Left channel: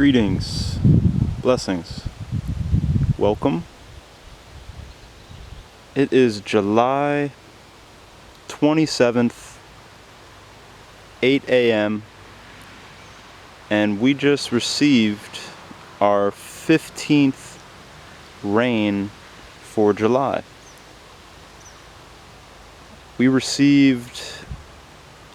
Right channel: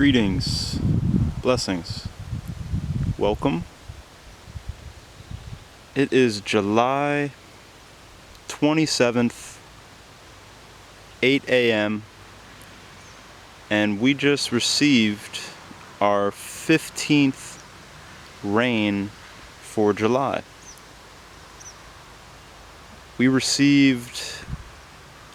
Greetings, blessings, welcome. It is July 27th, 8 a.m. and we just received our 15th rain for July. We received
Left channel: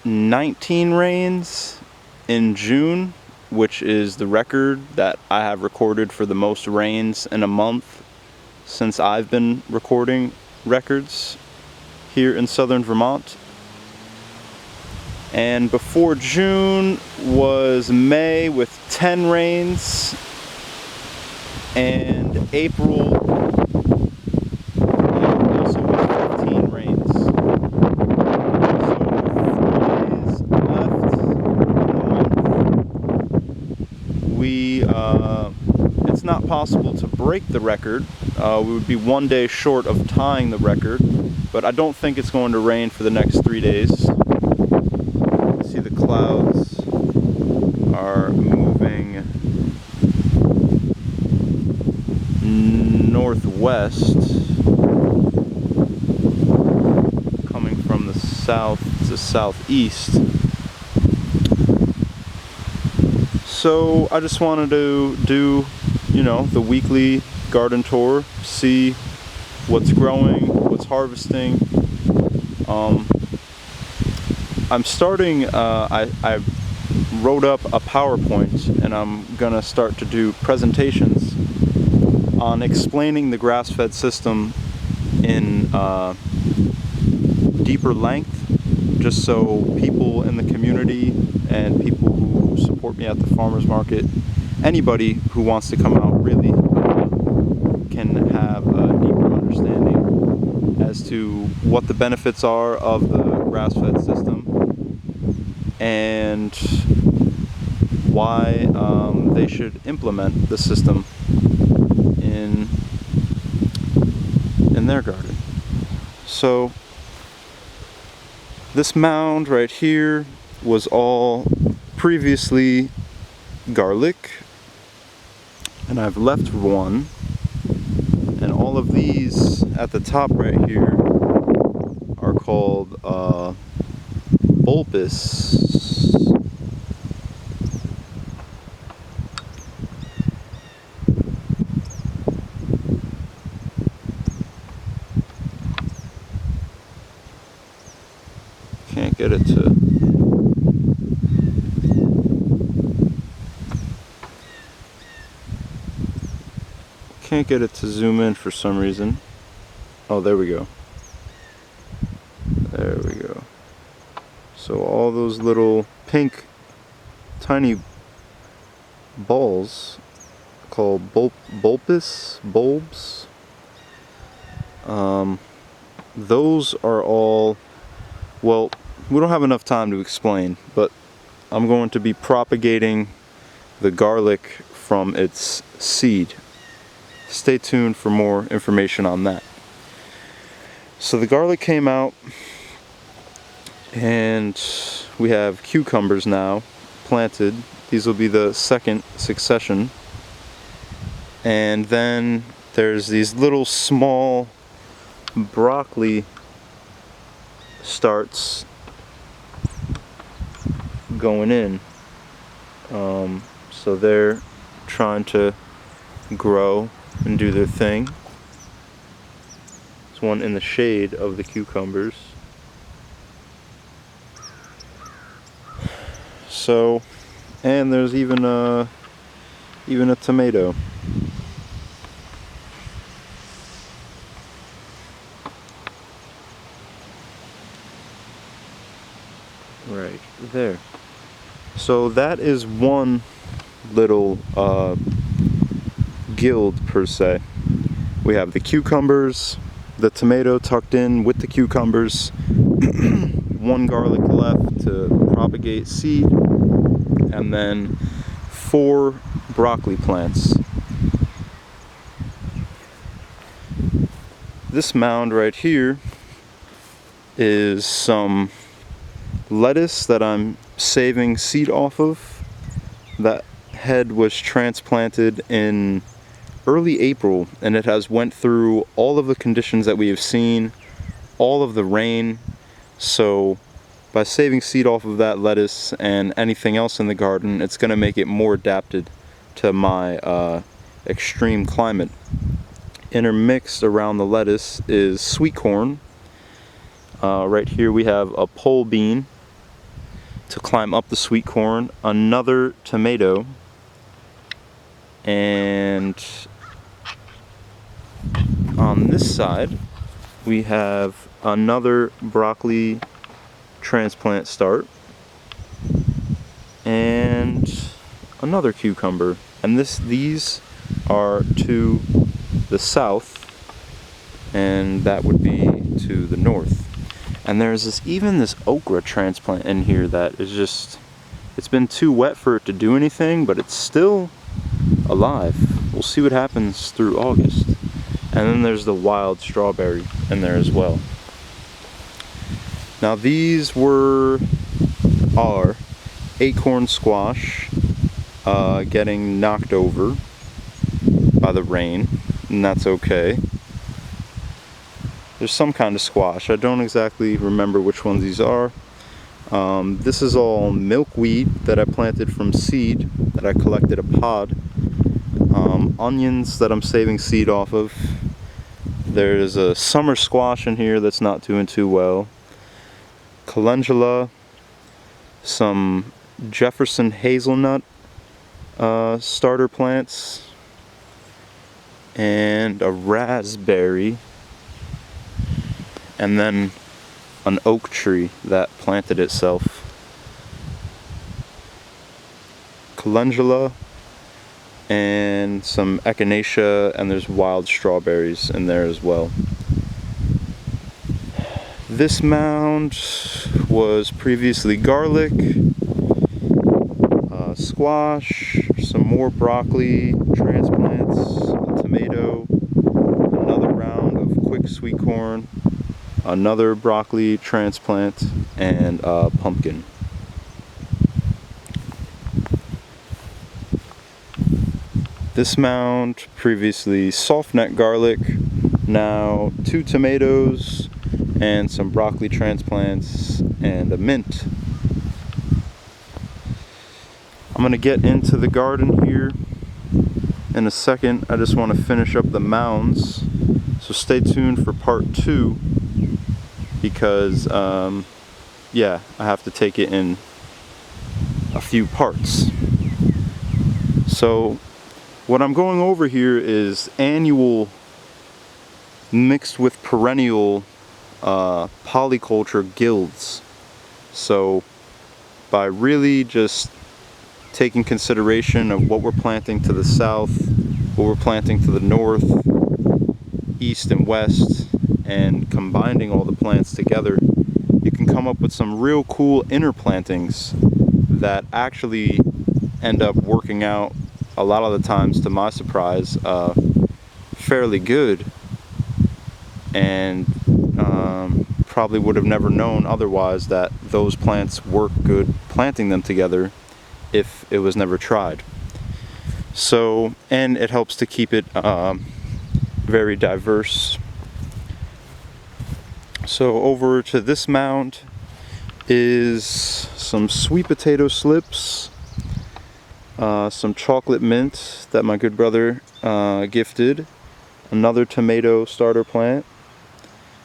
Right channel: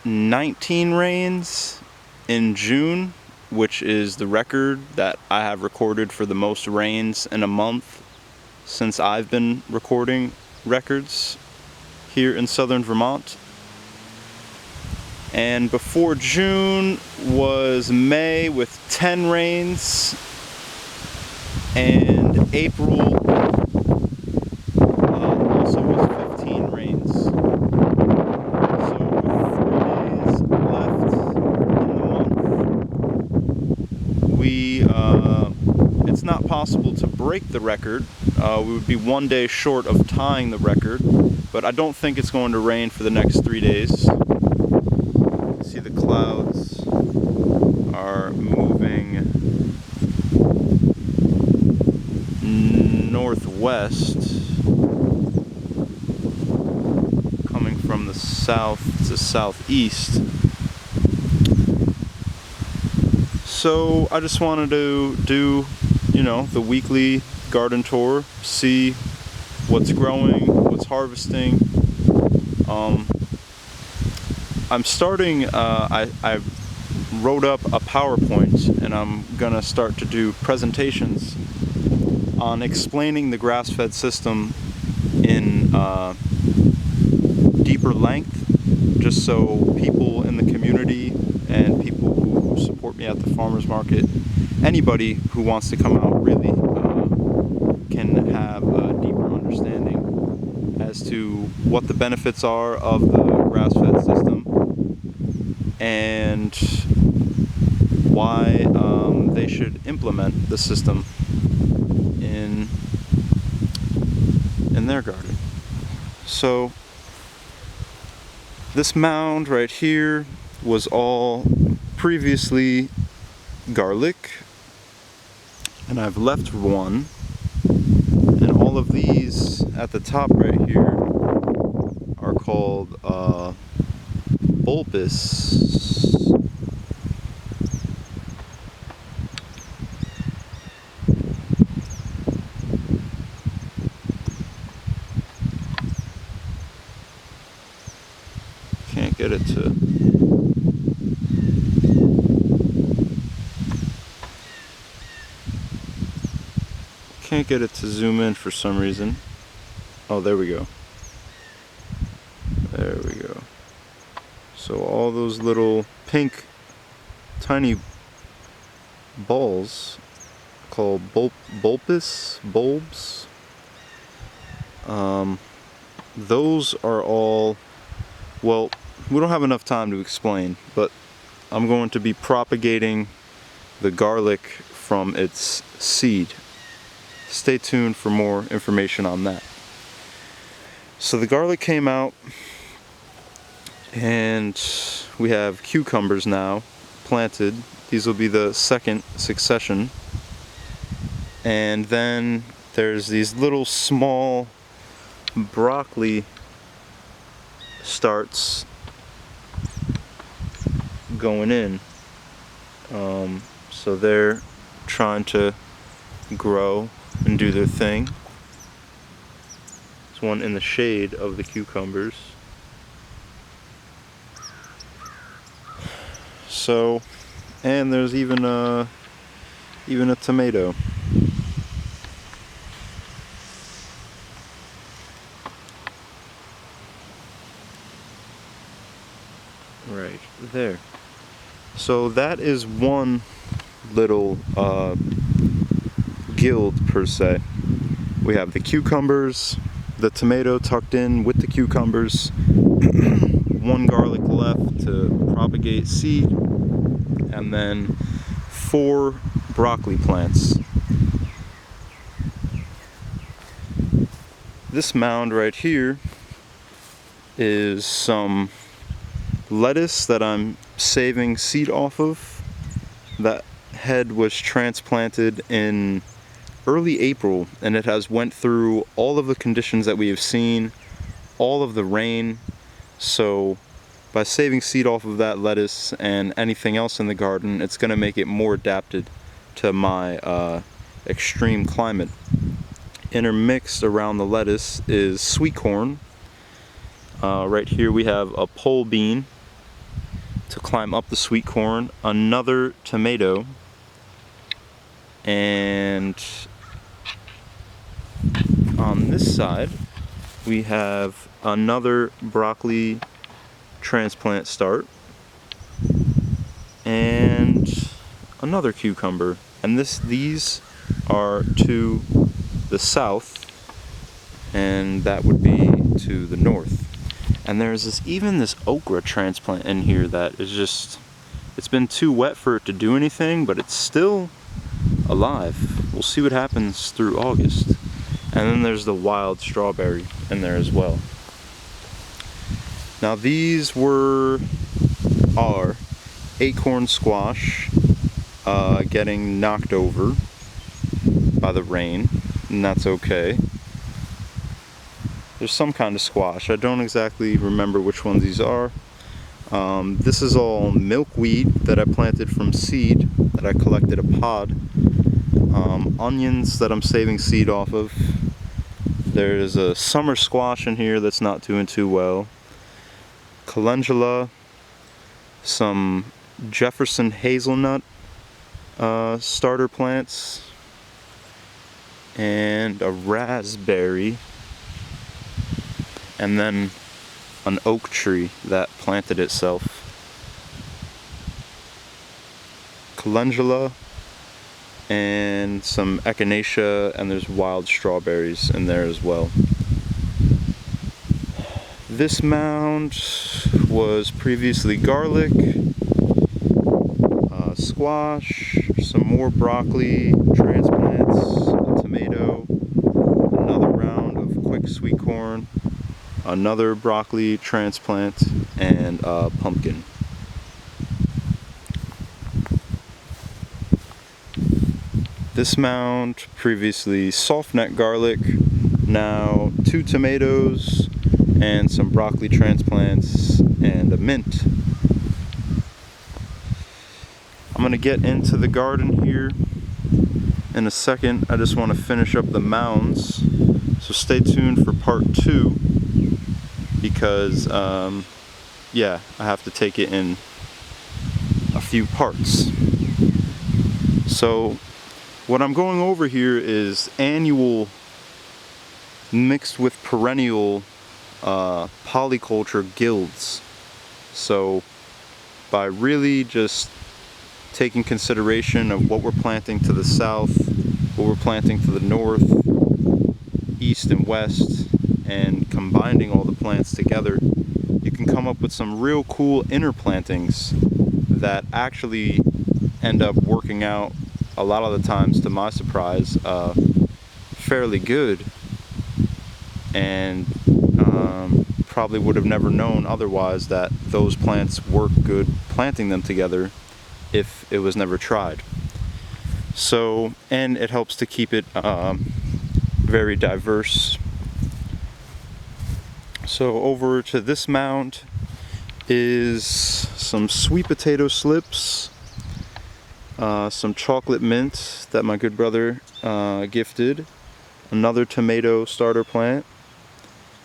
19 rains in June, which is the record that I have recorded for the most rains in a month since I've been recording records here in southern Vermont. And before June was May with 10 rains, and April also was 15 rains. So with 3 days left in the month, it's not possible to break the record. We would be 1 day short of tying the record, but I don't think it's going to rain for the next 3 days. See, the clouds are moving northwest, coming from the south to southeast. So I just wanted to do, the weekly garden tour, see what's growing, what's harvesting. I'm starting, I wrote up a PowerPoint, and I'm gonna start to do presentations on explaining the grass-fed system in deeper length, just so people in the community and people who support me at the farmers market, anybody who wants to come out really can have a deeper understanding as to what the benefits are of the grass-fed system and why they should implement the system in their garden. So this mound right here was all previously garlic, and I've left one, and all of these at the top right here are called bulbous. Can't get it to zoom in for some reason. Oh, there we go. There we go. So all those little pink tiny balls called bulbous bulbs, those are all, well, we don't have enough time to explain, but I'm going to be propagating the garlic from its seed. Stay tuned for more information on that. So the garlic came out, and we have cucumbers now planted. These will be the second succession. And then there's these little small broccoli starts going in. So they're trying to grow and do their thing. There's one in the shade of the cucumbers. So, and there's even a tomato. Right there. So that is one little guild per se. We have the cucumbers, the tomato tucked in with the cucumbers, one garlic left to propagate seed, and then 4 broccoli plants. This mound right here is some lettuce that I'm saving seed off of that head was transplanted in early April, and it has went through all of the conditions that we have seen, all of the rain. So by saving seed off of that lettuce and anything else in the garden, it's going to make it more adapted to my extreme climate. Intermixed around the lettuce is sweet corn. Right here we have a pole bean to climb up the sweet corn, another tomato, and on this side we have another broccoli transplant start and another cucumber. And these are to the south, and that would be to the north. And there's even this okra transplant in here that is just, it's been too wet for it to do anything, but it's still alive. We'll see what happens through August. And then there's the wild strawberry in there as well. Now these are acorn squash getting knocked over by the rain, and that's okay. There's some kind of squash. I don't exactly remember which ones these are. This is all milkweed that I planted from seed, that I collected a pod. Onions that I'm saving seed off of. There's a summer squash in here that's not doing too well. Calendula, some Jefferson hazelnut starter plants, and a raspberry, and then an oak tree that planted itself. Calendula and some echinacea, and there's wild strawberries in there as well. This mound was previously garlic, squash, some more broccoli transplants, a tomato, another round of quick sweet corn, another broccoli transplant, and a pumpkin. This mound previously soft neck garlic, now 2 tomatoes and some broccoli transplants and a mint. I'm going to get into the garden here in a second. I just want to finish up the mounds, so stay tuned for part 2, because yeah, I have to take it in a few parts. So what I'm going over here is annual mixed with perennial polyculture guilds. So by really just taking consideration of what we're planting to the south, what we're planting to the north, east and west, and combining all the plants together, you can come up with some real cool interplantings that actually end up working out a lot of the times, to my surprise, fairly good, and probably would have never known otherwise that those plants work good planting them together if it was never tried. So, and it helps to keep it very diverse. So over to this mound is some sweet potato slips, some chocolate mint that my good brother gifted, another tomato starter plant.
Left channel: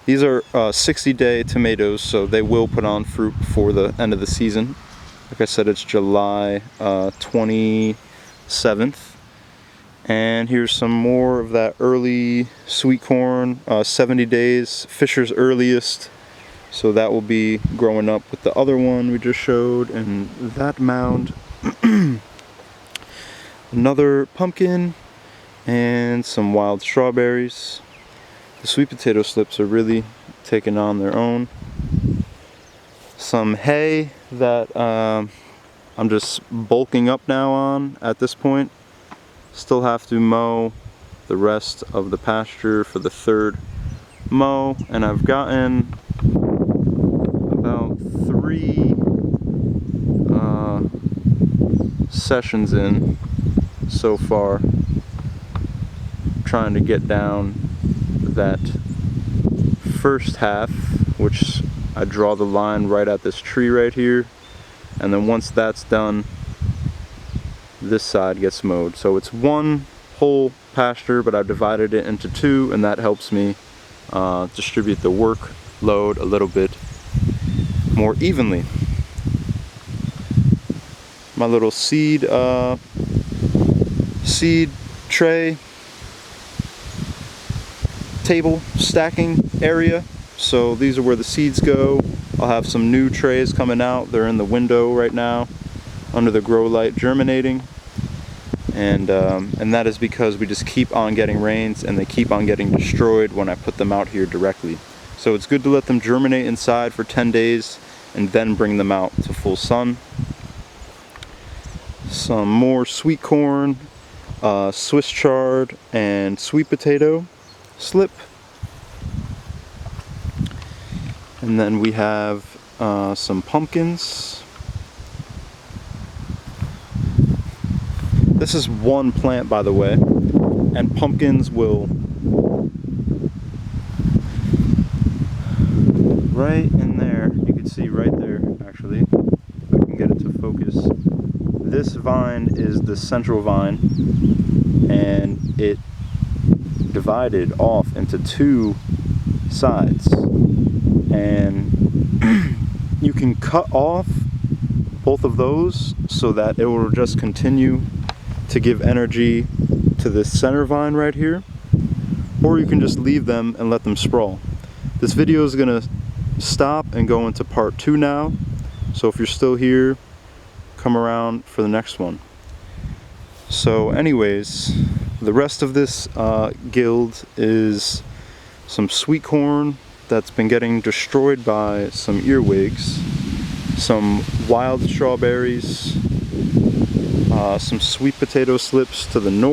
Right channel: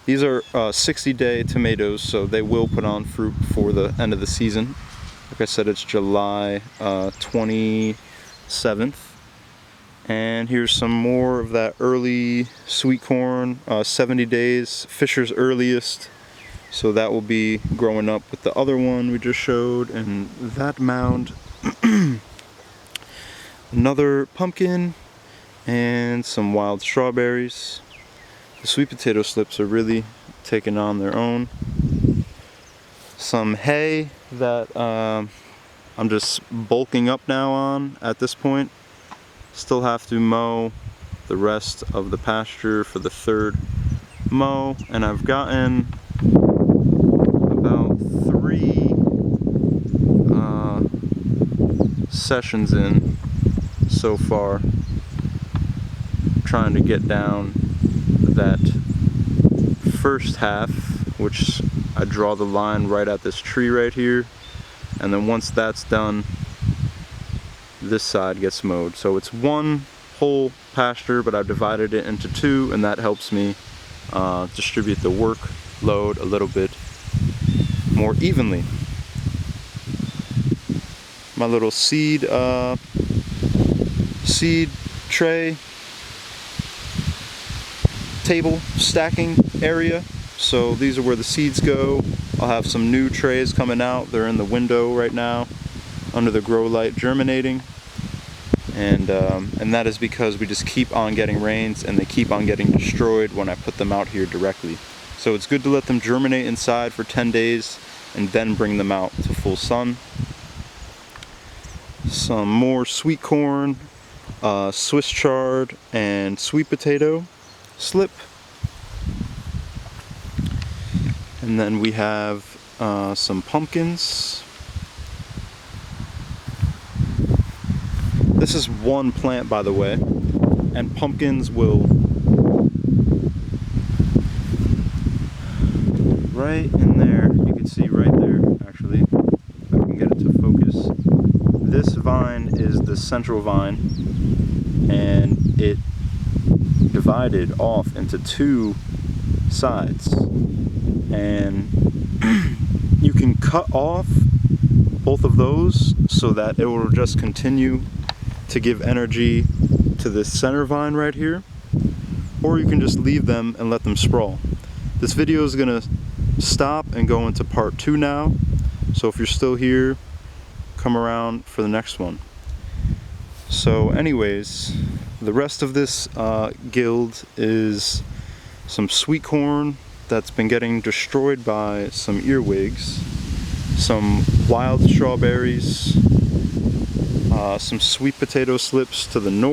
These are 60-day tomatoes, so they will put on fruit before the end of the season. Like I said, it's July 27th. And here's some more of that early sweet corn, 70 days, Fisher's earliest. So that will be growing up with the other one we just showed, and that mound. Another pumpkin and some wild strawberries. The sweet potato slips are really taking on their own. Some hay that I'm just bulking up now on at this point. Still have to mow the rest of the pasture for the 3rd mow, and I've gotten about 3 sessions in so far, trying to get down that first half, which I draw the line right at this tree right here, and then once that's done, this side gets mowed. So it's one whole pasture, but I've divided it into two, and that helps me distribute the workload a little bit more evenly. My little seed tray table stacking area. So these are where the seeds go. I'll have some new trays coming out. They're in the window right now under the grow light germinating. And that is because we just keep on getting rains and they keep on getting destroyed when I put them out here directly. So it's good to let them germinate inside for 10 days and then bring them out to full sun. Some more sweet corn, Swiss chard, and sweet potato slip. And then we have some pumpkins. This is one plant, by the way, and pumpkins will, right in there, you can see right there actually, if I can get it to focus. This vine is the central vine, and it divided off into two sides, and you can cut off both of those so that it will just continue to give energy to this center vine right here, or you can just leave them and let them sprawl. This video is gonna stop and go into part 2 now, so if you're still here, come around for the next one. So anyways, the rest of this guild is some sweet corn that's been getting destroyed by some earwigs, some wild strawberries, some sweet potato slips to the north.